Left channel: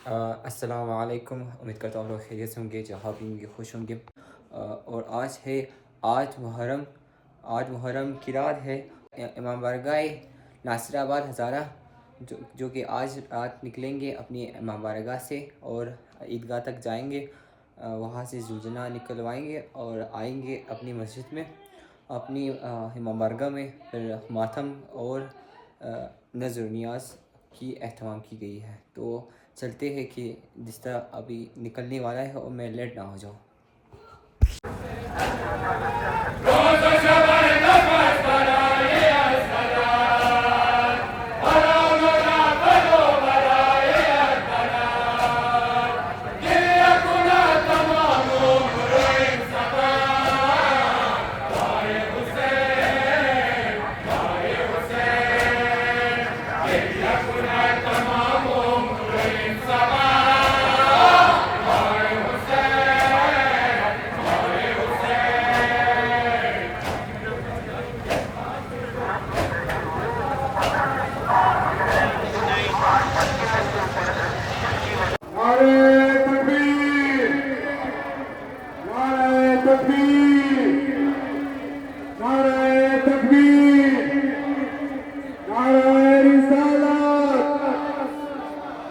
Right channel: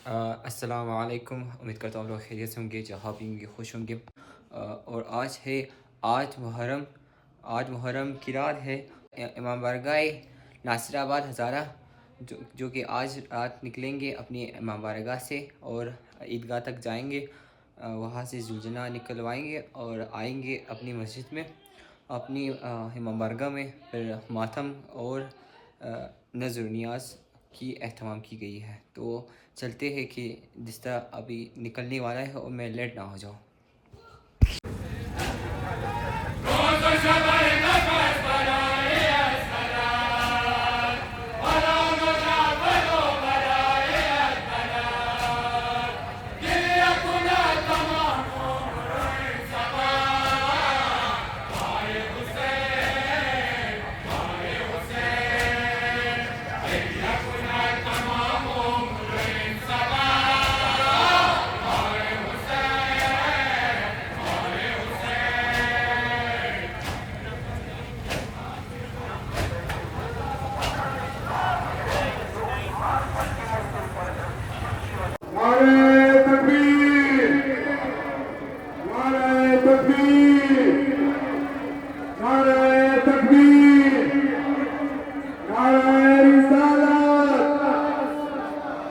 अस्सलाम वालेकुम। उम्मीद करता हूँ आप लोग खैरियत से होंगे, जहाँ भी होंगे खुश होंगे। और आज है आठ मुहर्रम। आठ मुहर्रम की रात है। इमाम बारगाह नासिराबाद हज़ारा जो कि आज रात निकलेंगे अपनी इमाम बारगाह से और ईदगाह तक जाएंगे। वहाँ से जुलजना निकलवाएंगे और आएंगे अपनी मस्जिद में, अपनी इमाम बारगाह में। फिर मातम और नज़र नियाज की एहतमाम की गई है। तो चलते हैं कि जिस तरह अभी निकलने वाला है और मैं लेट ना हो जाऊँ। नारे तकबीर, नारे तकबीर, नारे तकबीर, नारे रिसालत,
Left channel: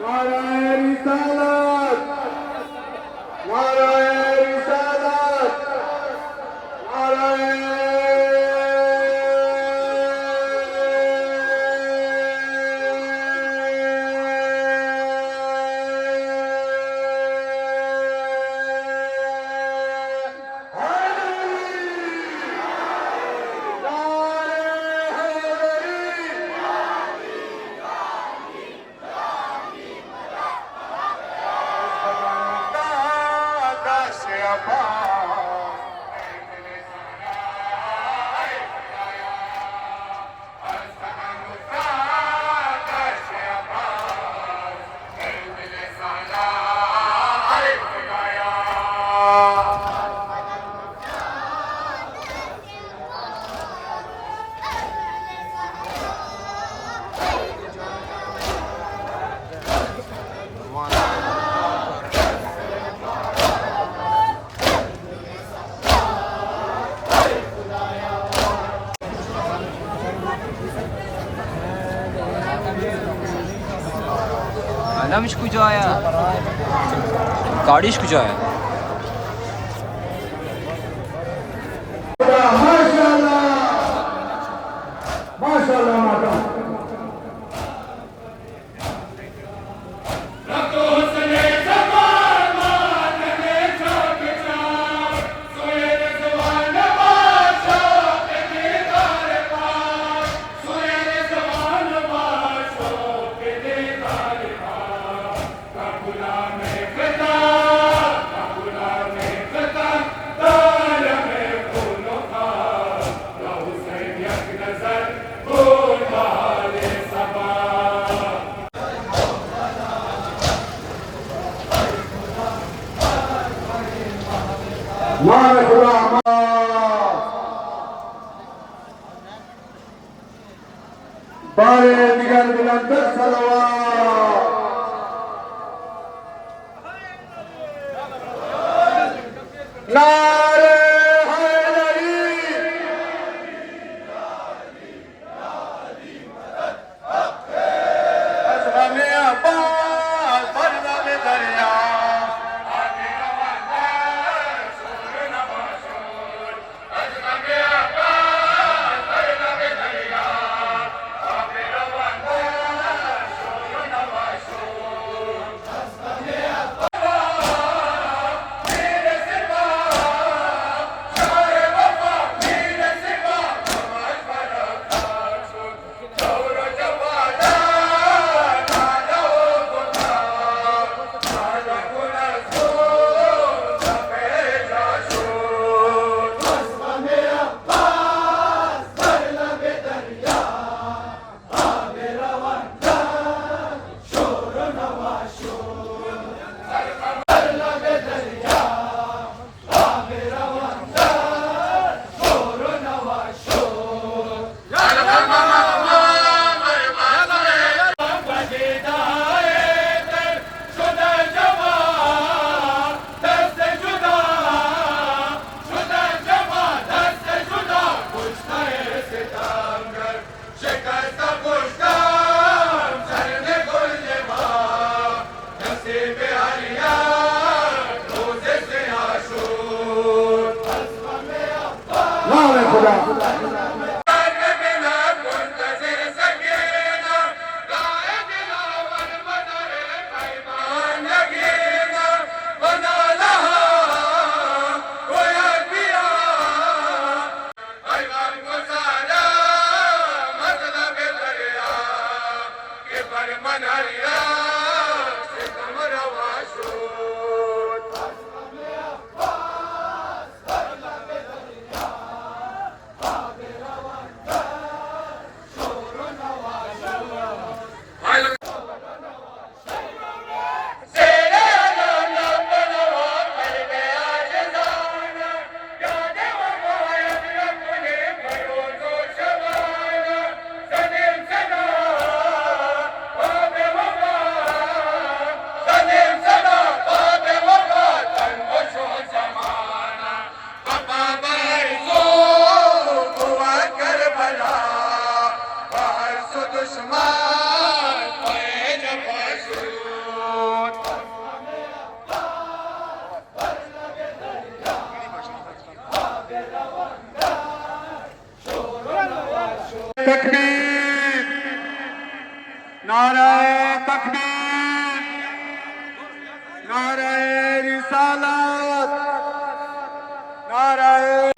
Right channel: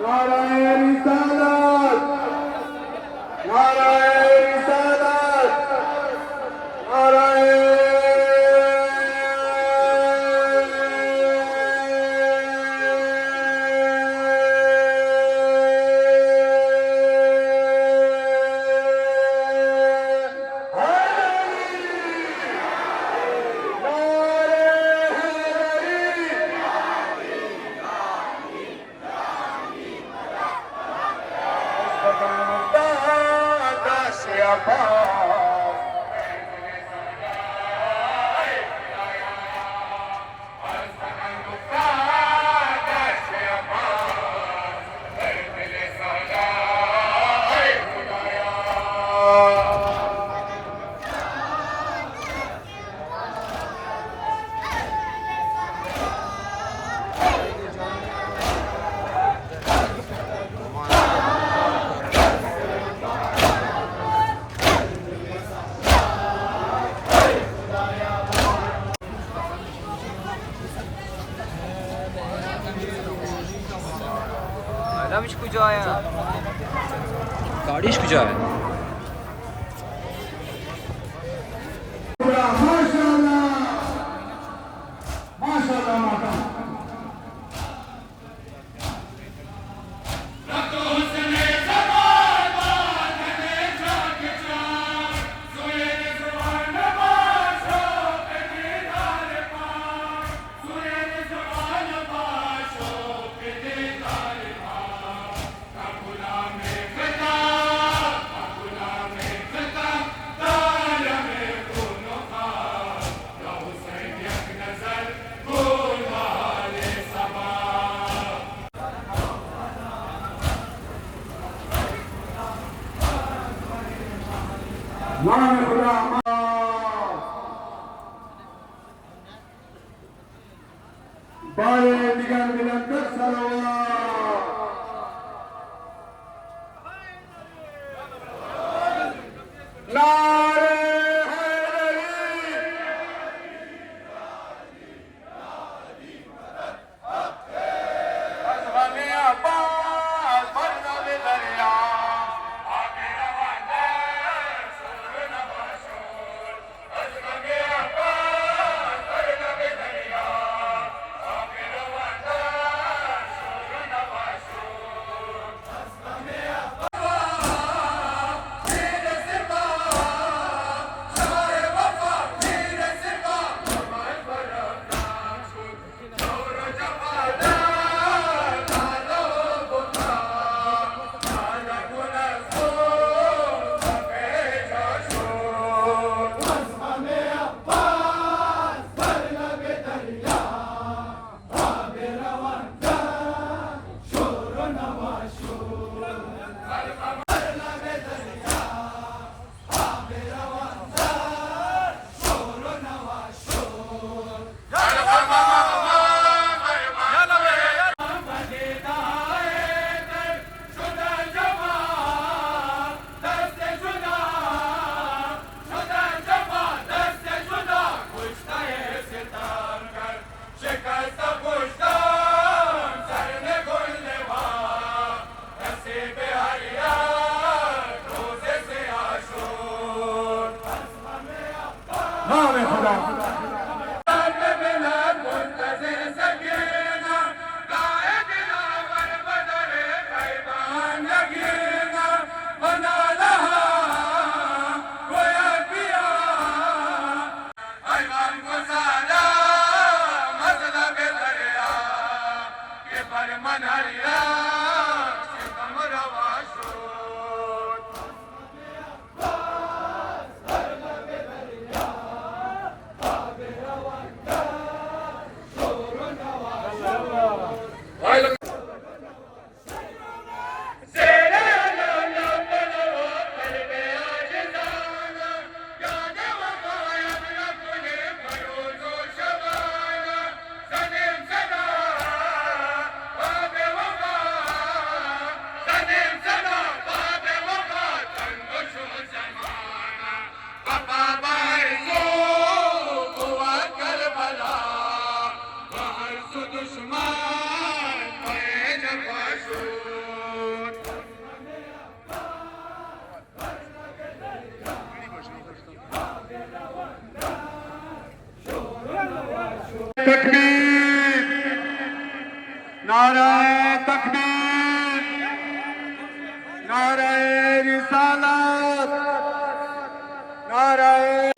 नारे रिसालत, नारे रिसालत, नारे Adam iş kucağa. Kardeş kucağı. माशाल्लाह, माशाल्लाह माता। नारे खुदा बारे दिगर बिलंदर सलवा नारे हैदरी अज़गमे अब्बास बरज़मे दरिया नाम खुदा तकबीर नाराए तकबीर नाराए रिसालत नाराए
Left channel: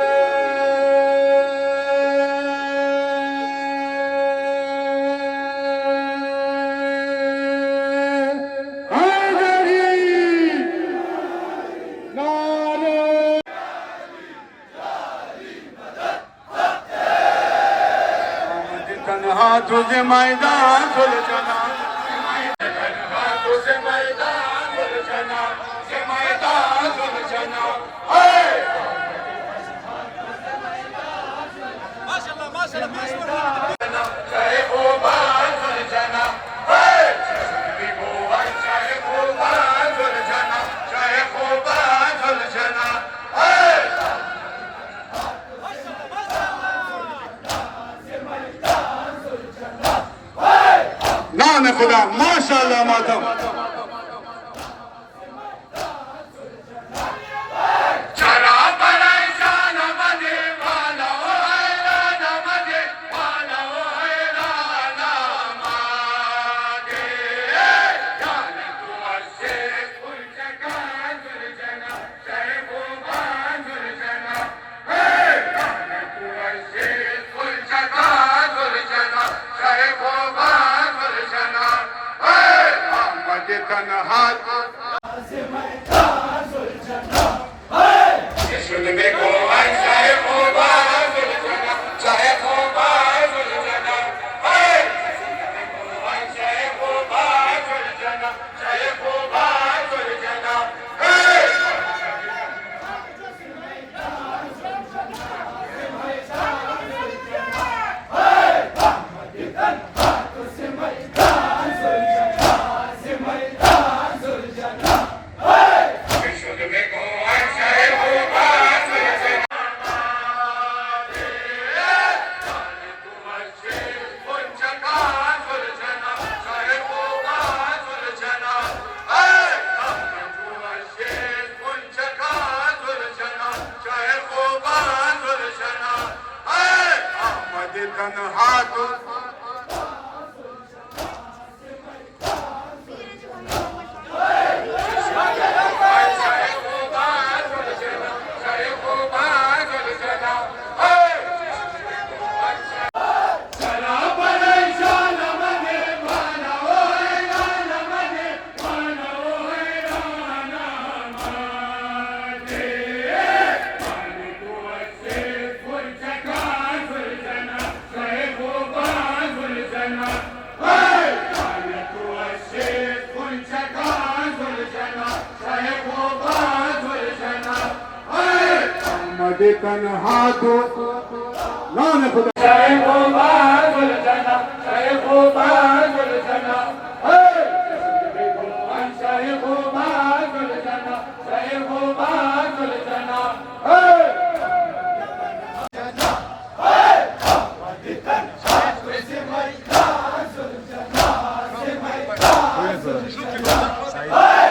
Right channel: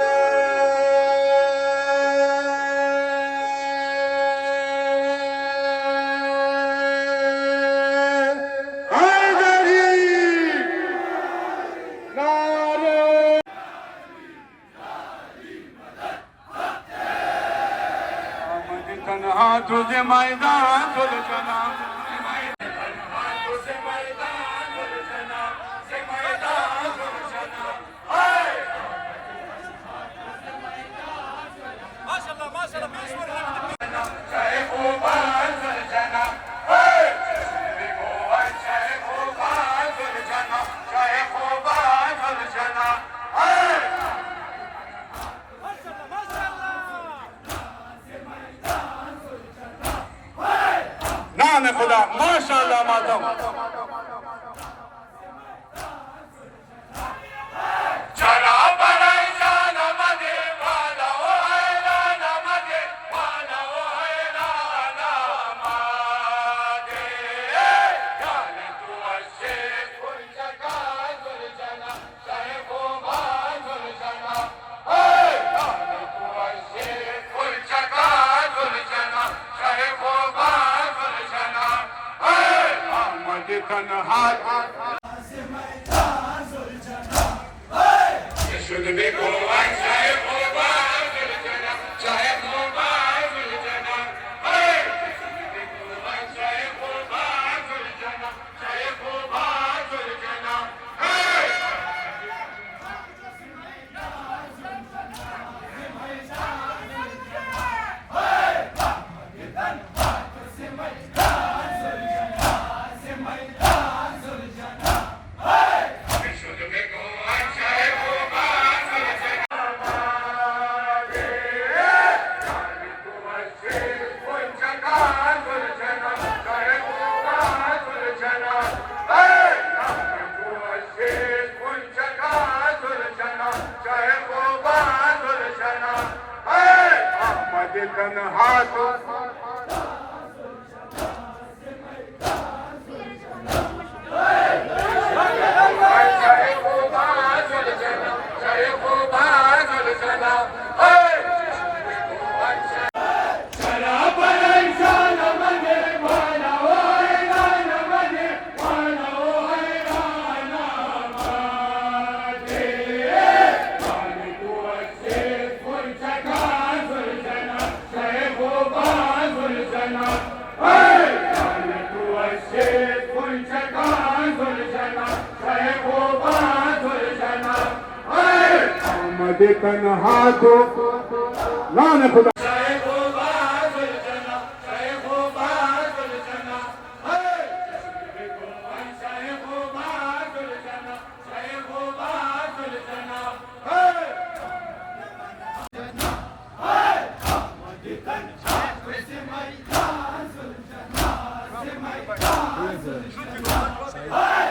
तुझे मैदान सुलझना तुझे मैदान सुलझना से मैदान सुलझना नाम खुदा माशाअल्लाह मातम तन्हाल तन्हा तो तन्हा तो नाम खुदा Hey!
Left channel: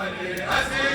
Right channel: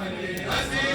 हसी